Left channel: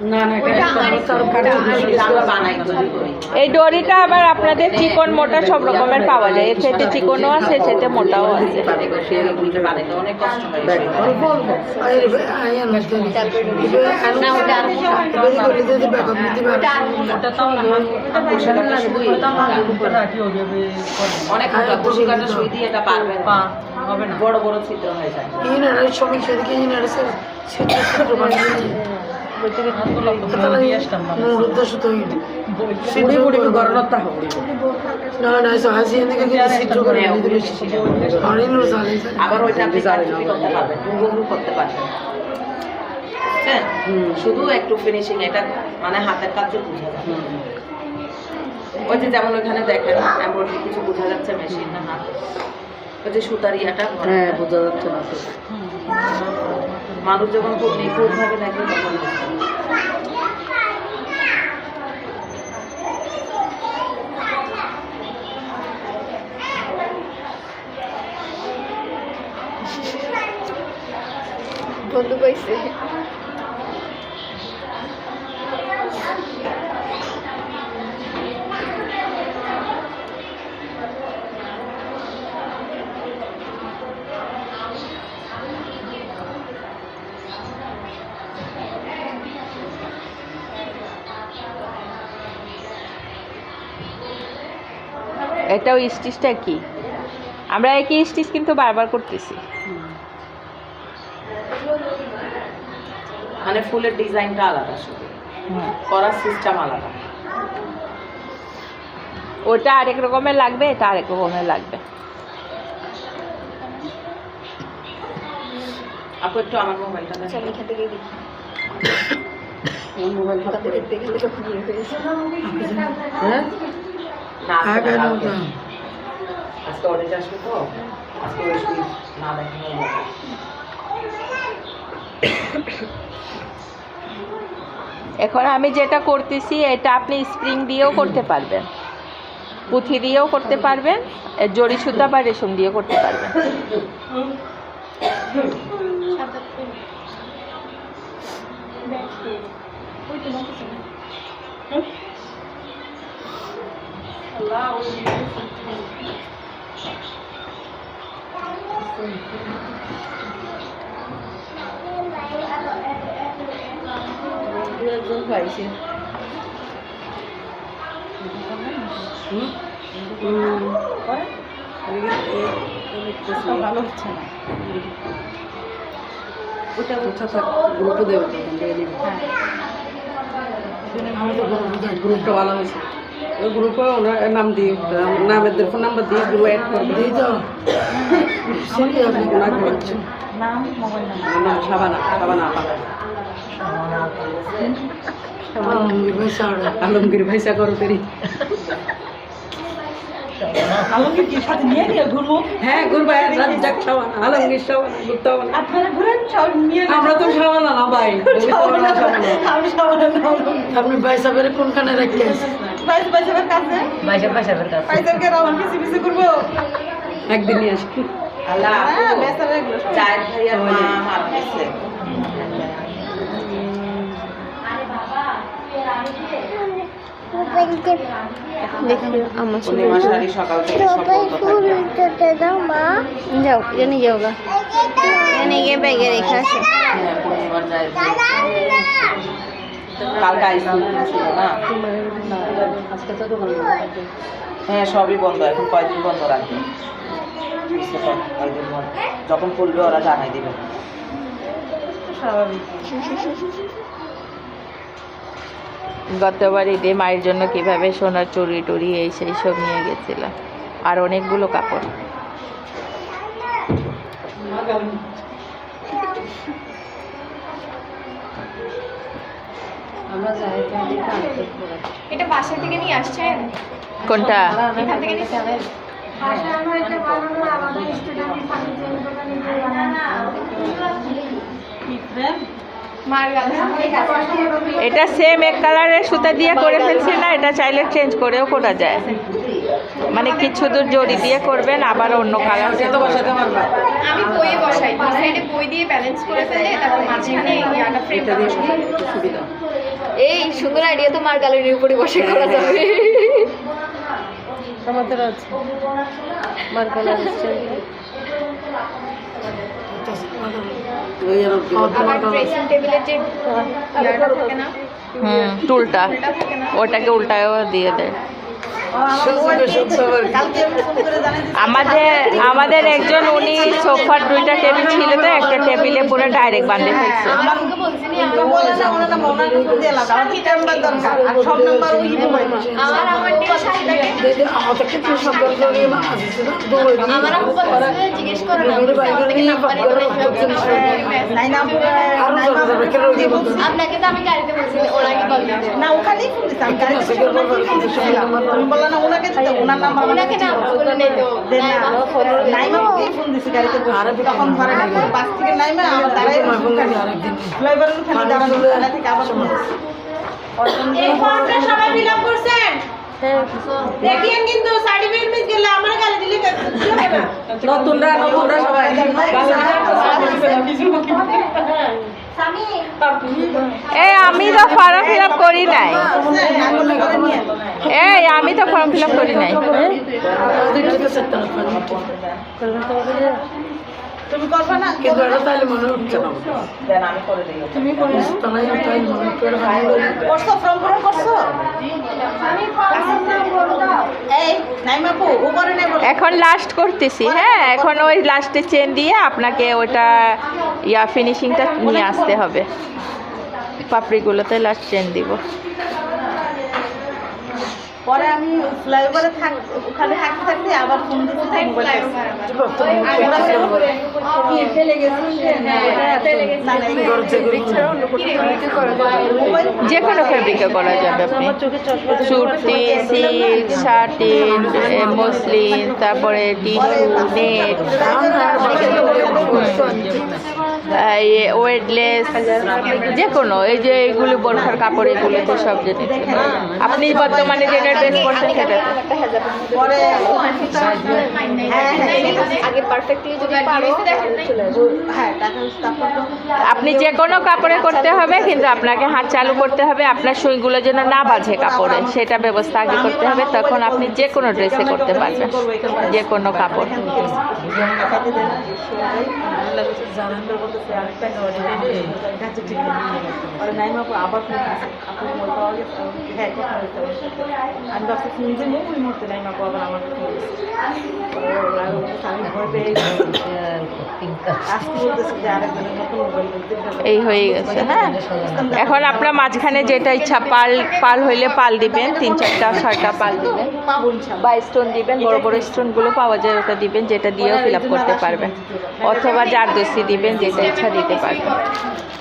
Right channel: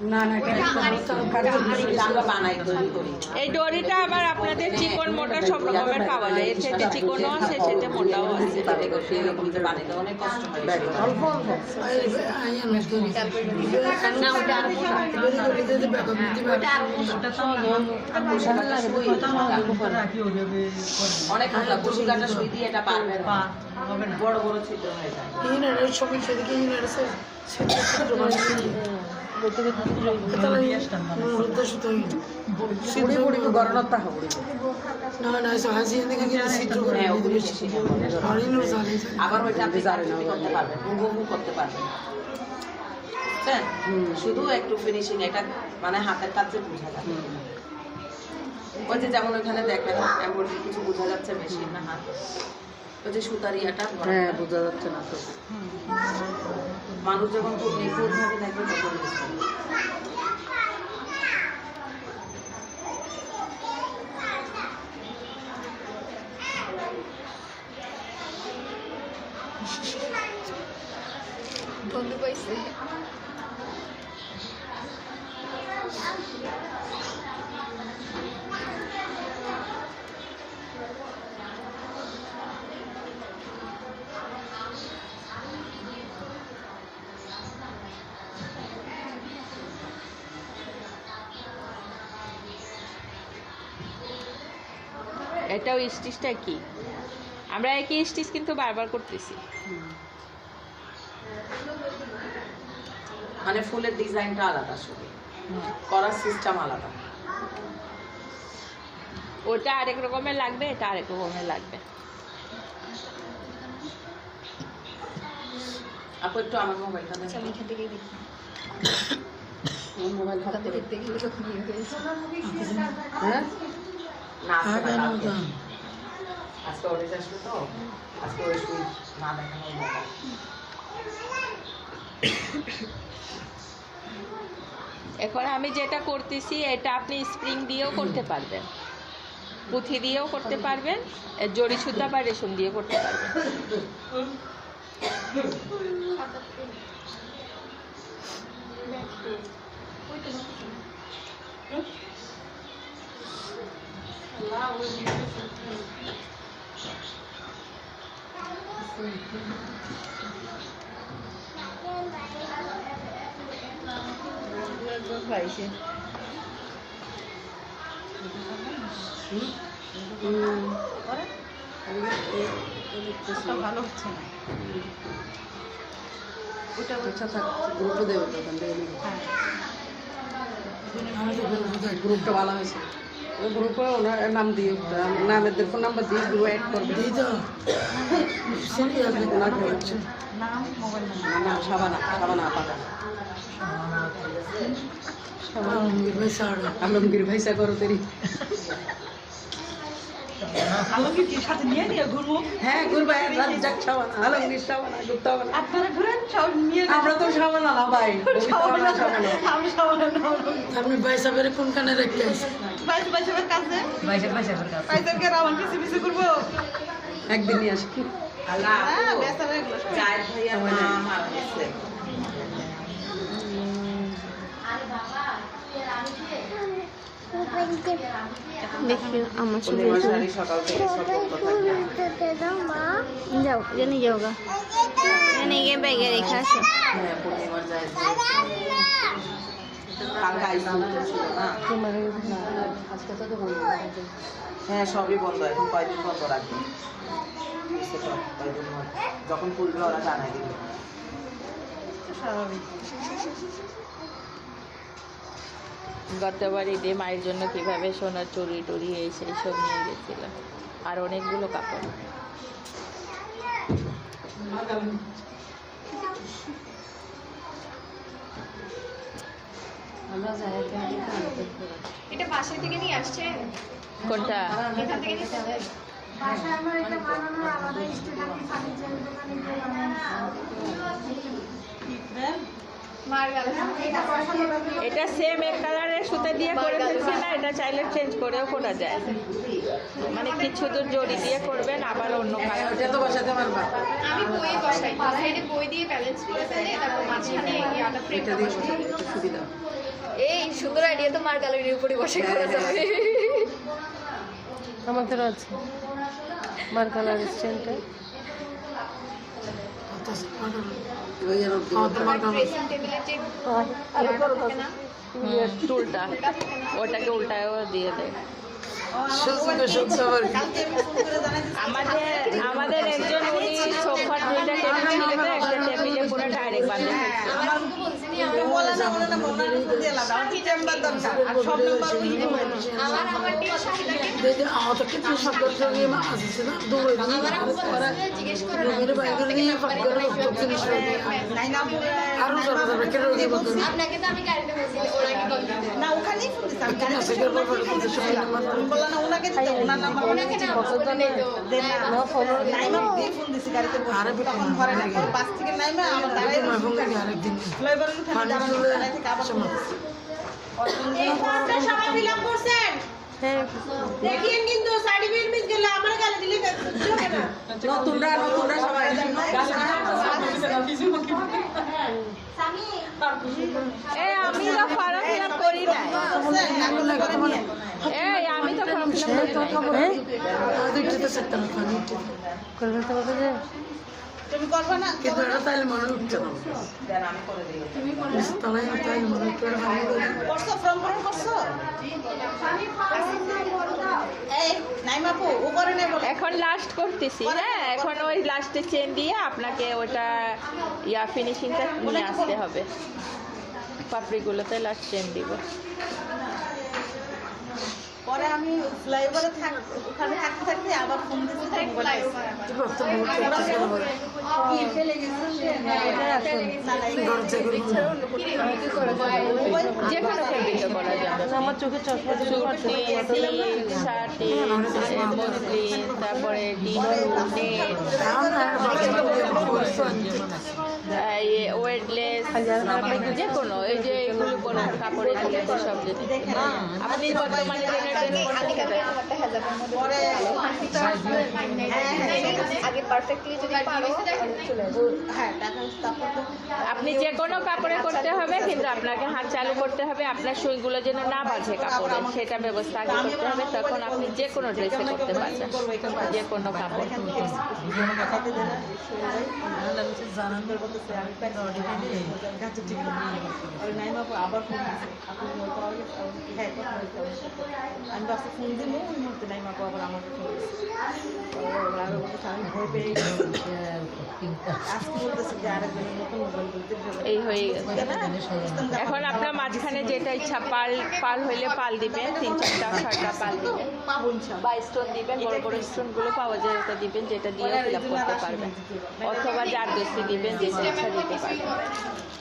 এই দড়িটা আবার আপনাদের চিকন মোটা সব রকমের পাওয়া যায়। এর সাথে চিকনও আছে, এর সাথে মোটাও আছে। বড় বড় ছিদ্র হয়ে যায়। আবার ওইটা আপনি করতে পারবেন, করতে পারবেন। শুধু একটু ফিনিশিং, এটা মানে হাতের কাছে বুঝা যায়। ওই যে যেমন ওখানে দেখেন এমব্রয়ডারি কিছু বোঝা যাচ্ছে মেশিন না হাত, ওই যে সুতার ইয়াটা বোঝা যাচ্ছে না। মানুষ যখন খুব নিখুঁত ভাবে দেখে তখন বন্ধু পাইছে। এটাও স্টিচটা কি, আমরা একই স্টিচ কিন্তু বারবার করতেছি। মানে ফুলের ডিজাইনটা আলাদা, শুধু করার সিস্টেম আলাদা। ওটা আরেক রকমের লাগবে, এটা আরেক রকমের লাগবে। আপু একটু আমার মোবাইলটা দেন। চল এখান থেকে দেখি। মোবাইলটা দেখতে গেলে তখন ইয়ে হয়েছে। হ্যাঁ না আগে না আজকে অর্ডার আসবে তো, আজকে ওই সুই না দেখানো হবে। এখন আমি যেটা করতেছি এটা আপনি স্প্রিং দিয়েও করতে পারবেন, পুঁথি দিয়েও করতে পারবেন, জড়ি সুতা বা রেশম দিয়েও করতে পারবেন। গ্রুপটা ভালো হয়েছে। ওই গ্রুপে ওনার নাম দিয়ে নামের ফোন নাম্বার দিয়ে গ্রুপ অ্যাড করে দিয়ে তো নাম সাবানা আলমগীর ভাইসা করো তেরি। আলমগীর কি সাথে নিয়ে ঘুরবো? হ্যাঁ ঘুরবো, রাজ্জাক সাবানা, আলমগীর সাবানা ঘুরতে হবে না। আপনারা ঘুরেন নিয়ে। আমরা তো সাবানা না ভাই, আমি সাবানা না। আপনি ভাইসাবের কোনখানে রেখে বাইসাবের কাছে, বাইসাবের কাছে বাইসাবকে রাউন্ড পিছে পিছে ঘুরবো একদিন নিয়ে আসি। আল্লাহ বেসারে জায়েদ ভাইয়ার মা হার গেছে। সকাল থেকে যাও জানি যাও গা জানি গিয়ে ব্যাগে রেখে আছে। কালকে আইসি না, হ্যাঁ সবই বন্ধ এখন, কয়েকদিন বন্ধ রাখবে। যখন খুলবে ওরা জানাই দিবে। গতবার ঈদে মায়ের জন্য কিভাবে সোনার চুড়ি টুড়ি এই সেই সব নিয়ে গেছিলাম, আর অনেকগুলো কাপড়। এটা বাসা থেকে নিয়ে আসছেন? কোনটা? এখান থেকে নিয়ে এটা সেম এক কালারের সুতা দিয়ে করে ফেলছি না, এটা চাইলে চেঞ্জ করেও করা যায়। মানে কিছু দূর জড়ি দিয়ে করবেন, আবার অন্য কালার আমি বইয়ে বসাই, সাইডে বই দিয়ে ব্যালেন্স করে ফেলে, তারপর মাঝখানে ইয়াটা ফ্রেমটা দিয়ে সুবিধা। এই সুন্দর আইডিয়া তো মার গ্যালারির উপরে বসে করা যাবে। আমাদের আছে মার্কালার স্টাইলটা আবার ড্রেসিং টেবিলের যে ইয়াটা থাকে না, টুলটা ওটাকে উল্টায়ও দিয়ে দেয়। আমাদের একজন উনি সোফার 2টা টেবিল ছিল তো একটা টেবিলে পুরো ডাইরেক্ট বাঁধে ফেলছে। আমাকে বলছি নি আমার আমার আপু বলছে জিজ্ঞেস করো না আপনাকে তো আমি গাড়িতে বলছি ওর আগে কল দিতে না ওখানেই ফোন দিছি আমি গাড়িতে বললাম না ওনাকে দিতে ওনার নাম্বার ওনাকে না ফোন নেই তো নাইমা ফোন দিছি গাড়িতে তখন ধরে না বাস থেকে নাইমা আমার দাঁড়াই ফ্লাইওভারের ওখানে দাঁড়ানো থেকে আবার ফোন দিছি এই ফর্মটা সবাই ফিল আপ করছেন দেখিয়েন কিন্তু সার্টিফিকেট মিস গেলে আমার গালি দিলে নতুনরা সবাই আমি তো ফর্ম ফিল আপ করি নাই। আমি তো ফর্ম ফিল আপ করি নাই। তুমি করবে না কিন্তু এটা তাইলে মনে উঠছে না দেন আমি করে দিই। তুমি তাইলে মনে উঠছে করছো ফর্ম পূরণ করছো এই নাইমা আপু উপরে নাই বলো এখন লাস্ট করতেছি। এখন ওই লাস্টে চেন দিয়ে আপনাকে ওটা ফিনিশিংটা নিয়ে আসতে হবে। পাপড়িগুলোতে লাস্ট চেন দিব। পরে আমি ফ্লাইওভারে ওখানে থাকতে থাকতে আবার ফোন দিতে যে কোনো ফেব্রিকে করা যাবে। আপনি সুতি, সিল্ক, শার্টিন, মসলিন, তারপরে টিস্যু, নেট, ওয়েটলেস, যে কোনো এই যে এইগুলো বোরখার কাপড় এগুলোতে সব জিনিস। আপনি বর্তমানে যেটা ড্রেস করছেন সেটাতে পরে আগে পারফেক্টলি যদি পারো হ্যাঁ টাকা তারপর তো আপনি যে কোনো কাপড়ে করতে হবে, কিন্তু আপনাকে হাত চালু করতে হবে আপনার সুইগুলো যেন না বাজে কাপড়ে, সেটা ব্যবস্থা আগে করতে হবে। তখন আপনি যে কোনো ড্রেসে করতে পারবেন, যে কোনো কাপড়। আবার হ্যাঁ আমি বাসে ফোন দিয়ে মুখ মুহূর্তে নাইমা আবার আমার আমি ভয় পেয়ে আজকে বলতেছি যে আরেকদিন নতুন মোবাইল বলতে এই হয়ে গেছে। এখন আপনার মাঝখানে যেটা ইচ্ছা পাল হইলে পাল দিবেন, 3-4টা 6টা পাল দিবেন পাবো ইনশাআল্লাহ। বা স্টোন দিবেন। বড় বড় স্টোনগুলো পাওয়া যায়, ওটা দিবেন, যেটা দিয়েও ফিল আপ করতে পারবেন। অথবা জারদস্তি দিবেন, যেটা ইচ্ছা দিতে পারবেন।